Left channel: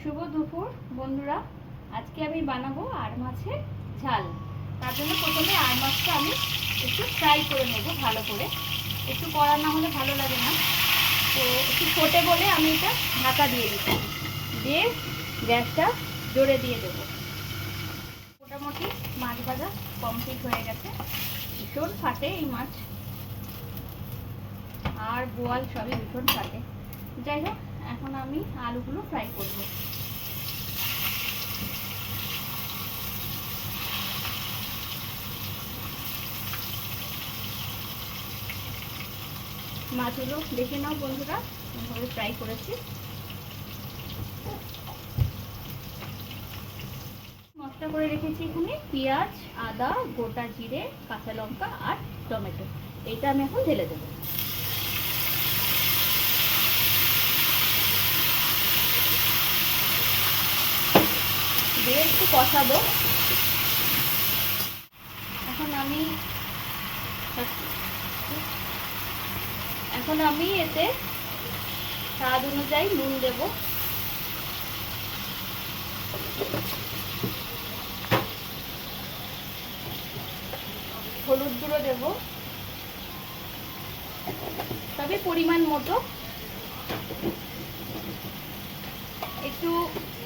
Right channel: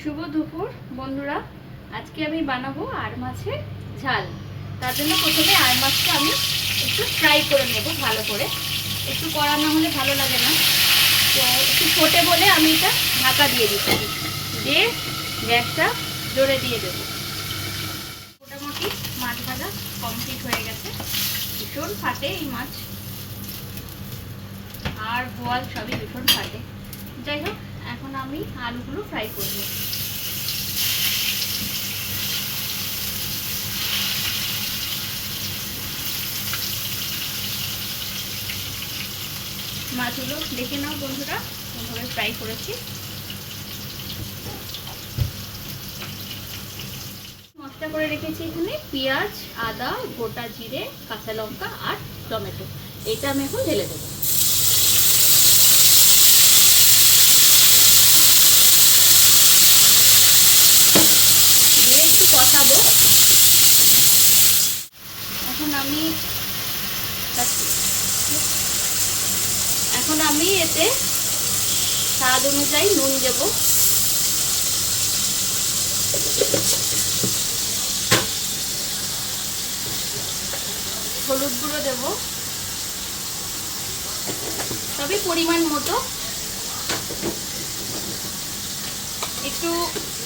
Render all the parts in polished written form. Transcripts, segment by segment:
শুভ দুপুর বন্ধুরা, আজকে আমি বানাবো আর মাছের ঝাল। তার জন্য প্রথমে আর মাছটা আমি একটু ফ্রাই করে নেব ভালো করে। একটু কড়া না হলে ভালো লাগে না, তো একটু ফোটে বলে আমি এটা ঢাকা দিয়ে দিচ্ছি, দিয়ে গ্যাসটা জোরে দিয়ে দেবো। মোটামুটি মাছ ভাজা কমপ্লিট হয়ে গেছে। ভীষণ ফাটে এই মাছ, আর বোয়াল সবই ভীষণ ফাটে। যাই হোক, এখন আমি আলুগুলো ফ্রাই করব। মাছগুলো দেখে নাও বন্ধুরা, এভাবে ফ্রাই করেছি। মশলা করে রেখেছি এখানে পেঁয়াজ, আদা, গোটা জিরে, কাঁচা লঙ্কা আর টমেটো। এইটা আমি এখন ঢেলে দেবো। দিয়ে একটু কষাবো। এখন আমি এতে স্বাদ অনুযায়ী নুন দেব, হলুদ গুঁড়ো দেব, তবে পরিমাণ মতো। একটু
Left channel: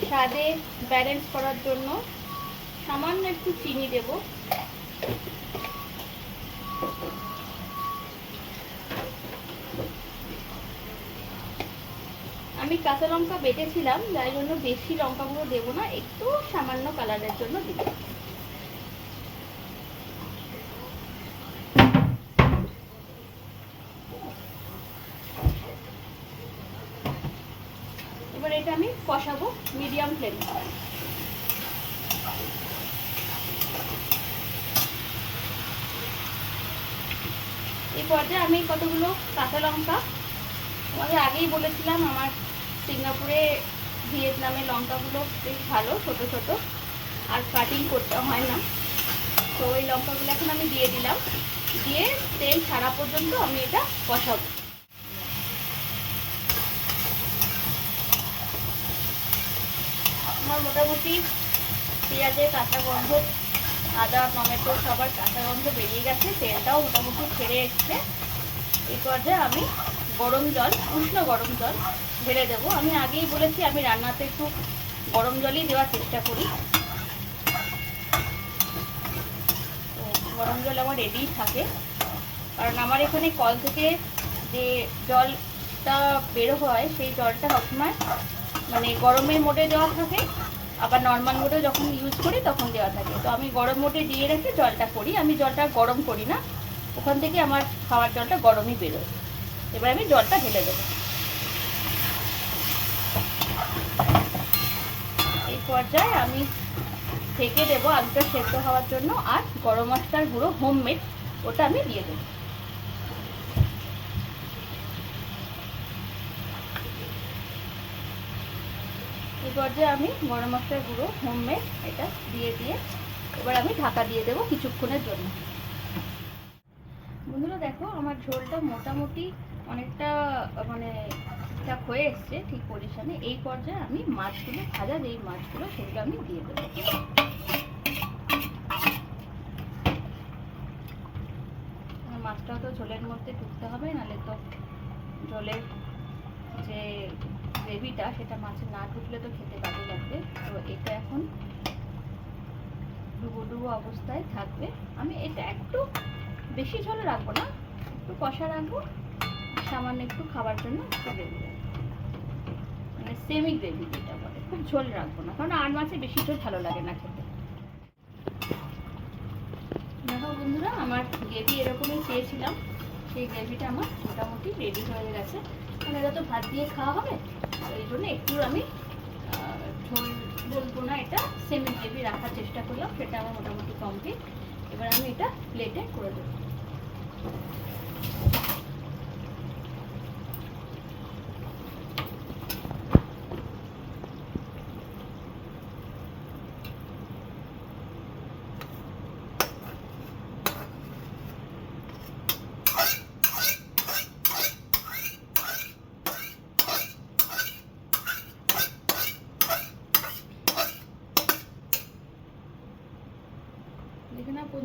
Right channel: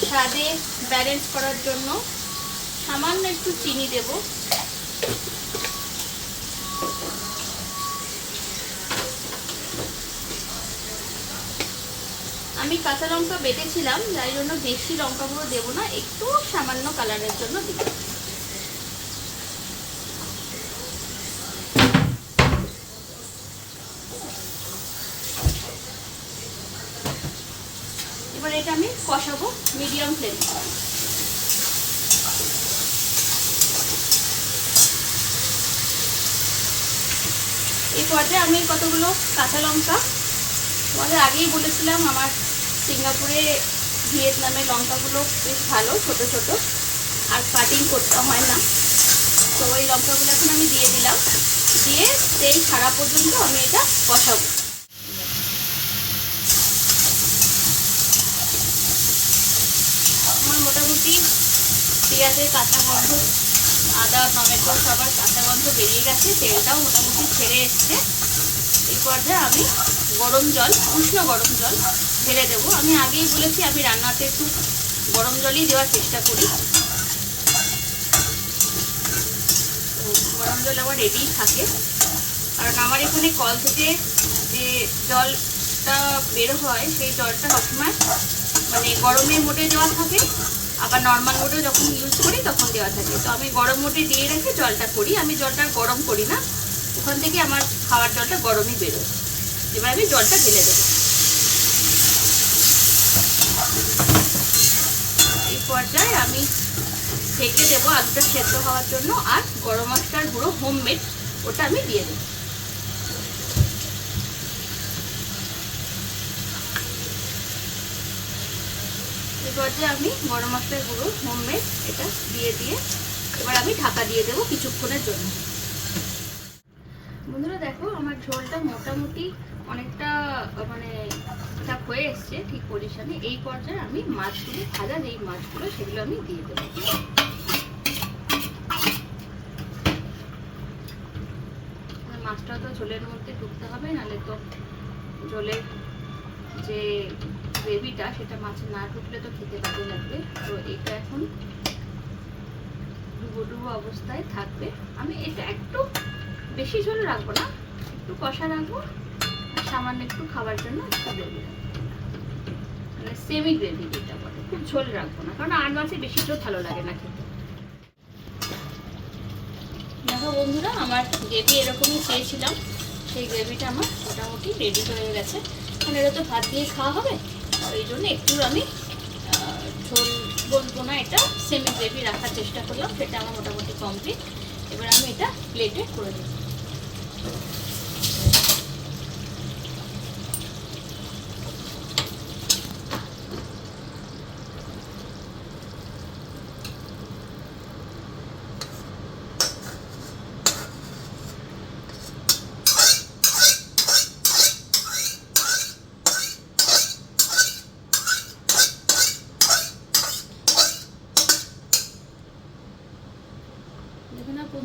স্বাদে ব্যালেন্স করার জন্য সামান্য একটু চিনি দেব। আমি কাঁচা লঙ্কা বেটেছিলাম, যাই জন্য বেশি লঙ্কা গুঁড়ো দেবো না, একটু সামান্য কালারের জন্য দিব। এবার এটা আমি কষাবো মিডিয়াম ফ্লেমে। এই পর্যায়ে আমি কতগুলো কাঁচা লঙ্কা, তোমাদের আগেই বলেছিলাম আমার সিঙ্গাপুরে ভিয়েতনামে লঙ্কাগুলো বেশ ভালো, ছোট ছোট, আর কাটিং করতে হয় না। তো ওই লঙ্কাগুলো এখন আমি দিয়ে দিলাম, দিয়ে তেল ছাড়া পর্যন্ত আমি এটা কষাবো। আমার মোটামুটি পেঁয়াজের কাঁচা গন্ধ, আদা টমেটো সবার কাঁচা গন্ধ বেরিয়ে গেছে, তেলটাও মোটামুটি ছেড়ে এসছে। এই পর্যায়ে আমি গরম জল, উষ্ণ গরম জল ঢেলে দেবো। আমি আগেই বলেছি আমি রান্নাতে একটু গরম জলই দেওয়ার চেষ্টা করি। গরম জল আমার রেডি থাকে, কারণ আমার এখানে কল থেকে যে জলটা বের হয় সেই জলটা সবসময় মানে গরমের মোডে দেওয়া থাকে, আবার নর্মাল মোডে যখন ইউজ করি তখন দেওয়া থাকে। তো আমি গরম মোডে দিয়ে রেখে জলটা করি, আমি জলটা গরম করি না, ওখান থেকে আমার খাওয়ার জলটা গরমই বেরোয়। এবার আমি জলটা ঢেলে দেবো। এই পর্যায়ে আমি ঢেকে দেবো আলুটা সেদ্ধ হওয়ার জন্য, আর গরম মশলার গুঁড়ো হোমমেড ওটা আমি দিয়ে দেবো। এই পর্যায়ে আমি গরম মশলার গুঁড়ো হোমমেড এটা দিয়ে এবার আমি ঢাকা দিয়ে দেবো কিছুক্ষণের জন্য। বন্ধুরা দেখো, আমার ঝোলটা মোটামুটি অনেকটা মানে ঠিকঠাক হয়ে এসছে, ঠিক পজিশনে। এই পর্যায়ে আমি মাছগুলো, ভাজা যেই মাছগুলো সেগুলো আমি দিয়ে দেবো। মাছটা তো ঝোলের মধ্যে ঢুকতে হবে, নাহলে তো ঝোলের যে গ্রেভিটা সেটা মাছে না ঢুকলে তো খেতে বাজে লাগবে। তো এটা এখন ডুবো ডুবো অবস্থায় থাকবে। আমি এটা একটু বেশি ঝোল রাখবো না, একটু কষা রাখবো, সামান্য একটু খাবার জন্য একটু গ্রেভি রাখবো, মানে সেমি গ্রেভি যেটা বলে। খুব ঝোল রাখবো না, কারণ আর মাছে বেশি ঝোল ভালো লাগে না খেতে। দেখো বন্ধুরা, আমার গ্রেভি এরকমই চেয়েছিলাম, সেই গ্রেভিটা আমার মোটামুটি রেডি হয়ে গেছে। কারণ এটা তো ভাত দিয়ে খাওয়া হবে, এই জন্য একটু আমি ঝোল বলবো না, এটা সেমি গ্রেভি রাখার চেষ্টা করলাম, সেটা আমার মোটামুটি কমপ্লিট। এবার আমি এটা প্লেটে করে দেবো।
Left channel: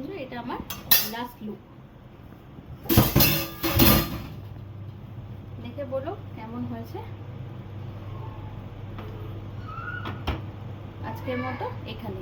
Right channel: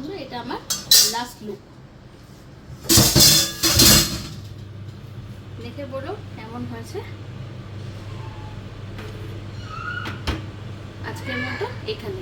বন্ধু, এটা আমার লাস্ট লুক। দেখে বলো কেমন হয়েছে। আজকের মতো এখানে।